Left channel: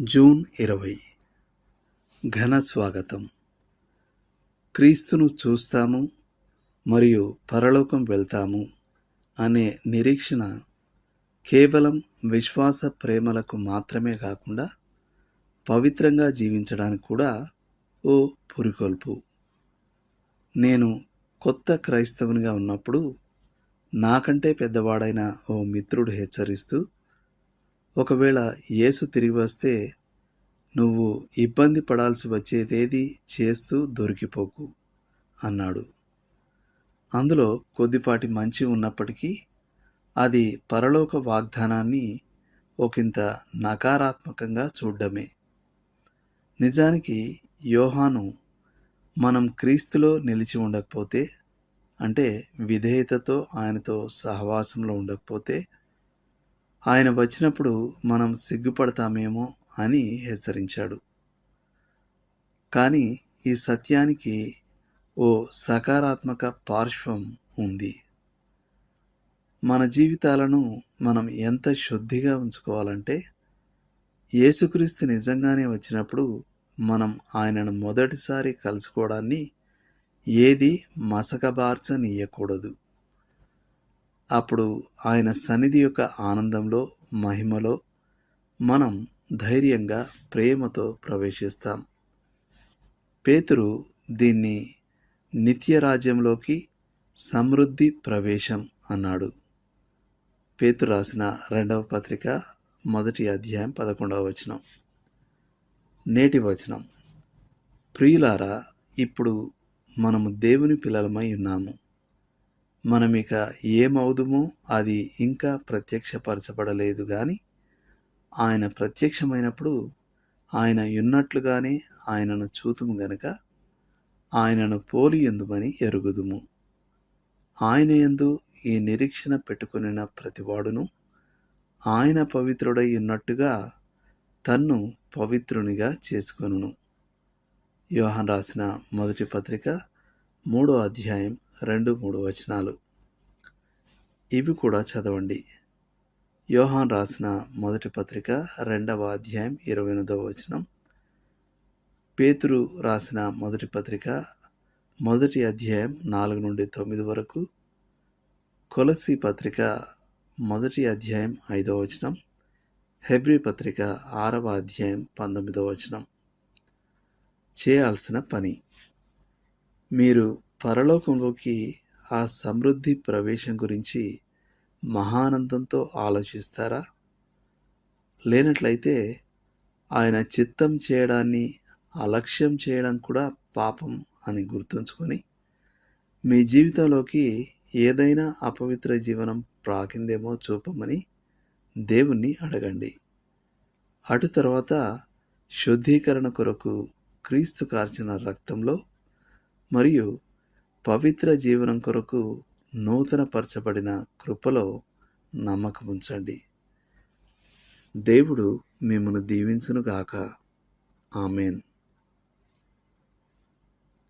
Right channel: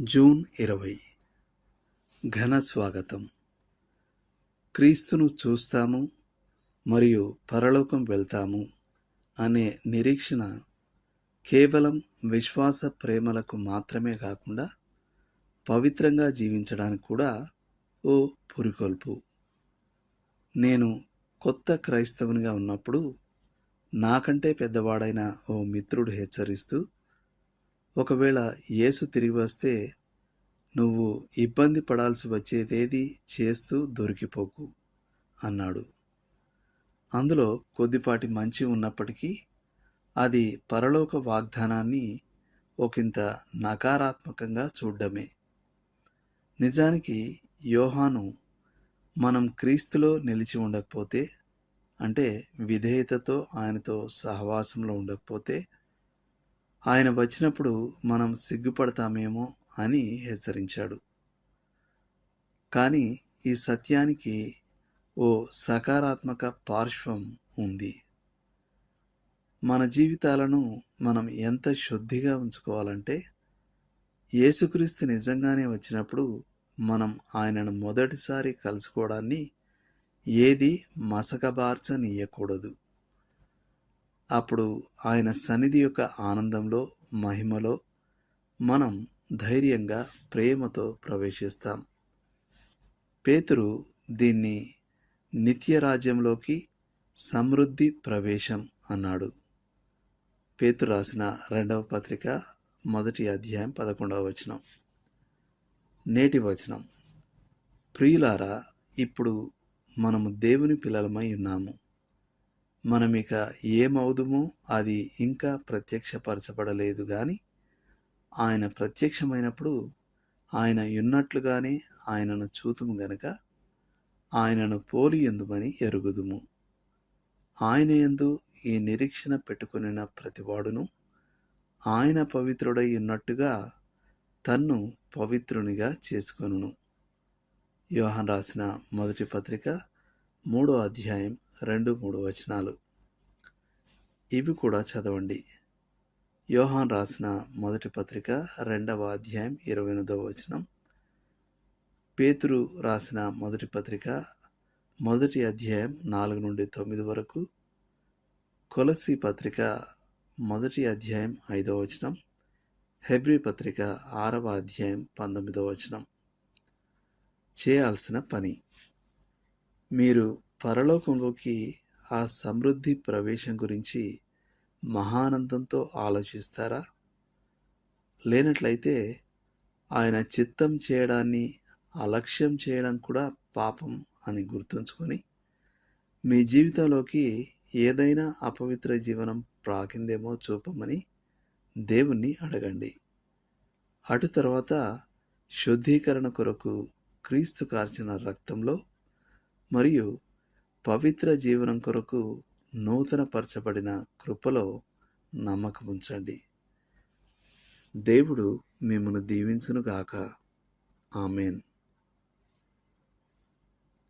June ఇరవై. ఘన స్వాగతం. క్రీస్తును చూస్తాము మరియు పరలోకం వెళ్తాము అనే నిరీక్షణ కేవలం విశ్వాస ప్రేమలకు మాత్రమే కాకుండా పవిత్రంగా జీవించడానికి కూడా ఓ పురికొల్పు. నేను కొత్త క్రైస్తవునిగా ఉన్నప్పుడు నాకంటే పెద్దవాడైన ఓ మిత్రుడు హెచ్చరిస్తూ ఒకవేళ యేసు తిరిగి వస్తే నువ్వు ఇబ్బంది పడాల్సి వచ్చేదేది చేస్తూ దొరికిపోకు అన్నాడు. అందులో కొద్దిపాటి మంచి ఉన్నప్పటికీ అది పరలోక వాగ్దానాన్ని ఒకంత నకారాత్మకంగా చూడ్డమే. నిజానికి యోహాను మనం క్రీస్తులో నిలిచి ఉండకపోతే అంటే విధేయతతో ఆయనతో సహవాసంలో ఉండకపోతే ఆయన వచ్చినప్పుడు మనం సిగ్గుపడతామేమో అని హెచ్చరించాడు. కానీ ఈ సత్యానికి ఓ సకారాత్మక పార్శ్వం ఉంది. మన జీవితాలను మనం ఎంత శుద్ధిగా ఉంచుకోవాలంటే యేసుక్రీస్తు నిజంగానే వచ్చినప్పుడు మనం ఆయనను మొదటిసారి కలుసుకోవడాన్ని ఏది మసకబార్చనీయకూడదు. అప్పుడు ఆయన సన్నిధి యొక్క ఆనందంలో మహిమలో మనం ధైర్యంగా ప్రేమతో ప్రవేశిస్తాం. పేతురు దీన్ని నిత్య రాజ్యంలోకి సమృద్ధి ప్రవేశం అన్నాడు. పేతురు రాసిన రెండవ పత్రిక మొదటి అధ్యాయం పదకొండవ వచనం. నేటి వచనం. ప్రియులారా ఇప్పుడు మనము దేవుని పిల్లలమై ఉన్నాము. మనం ఇక ఏమవుదుమో అది ఇంకా ప్రత్యక్షపరచబడలేదు కానీ ఆయన ప్రత్యక్షమైనప్పుడు ఆయన ఉన్నట్లుగానే ఆయనను చూతుము గనుక ఆయనను పోలి ఎందుమని ఎరుగుదుము. ఆయన ఎందు ఈ నిరీక్షణ పెట్టుకునిన ప్రతివాడును ఆయన పవిత్రుడై ఉన్నట్టుగా తన్ను పవిత్రునిగా చేసుకొనును. యోహన్ రాసిన మొదటి పత్రిక మూడో అధ్యాయం రెండు మూడు వచనాలు. ఇవి కూడా చదవండి. యోహాన్ రాసిన మొదటి పత్రిక రెండవ అధ్యాయం ఇరవై ఎనిమిదవ వచనం. పేతురు రాసిన మొదటి పత్రిక మొదటి అధ్యాయం నాలుగు నుండి తొమ్మిది వరకు. కొలసి పత్రిక మొదటి అధ్యాయం ఐదవ వచనం. హెబ్రి పత్రిక ఆరవ అధ్యాయం పంతొమ్మిదవ వచనం. చేయాల్సిన పని. మీరు పరలోకంలోకి ఆ సమృద్ధి ప్రవేశం గురించి మహానందంతో ఆలోచిస్తారా? లేనట్లయితే ఆయన చిత్తం చేయడాన్ని అలక్ష్యం చేయడం కూడా పాపం అని గుర్తుంచుకొని మీ జీవితంలోకి ఏదైనా అపవిత్ర జీవనం ప్రాకిందేమో చూపమని దేవుణ్ణి అడగండి. అటు తర్వాత శుద్ధీకరణ కొరకు క్రీస్తు కార్చిన రక్తంలో మరియు పవిత్ర జీవనం కొరకు నూతనపరచబడిన కృపలో నమ్మకం ఉంచండి దేవుడు మిమ్మల్ని దీవించునుగాక. ఆమెన్.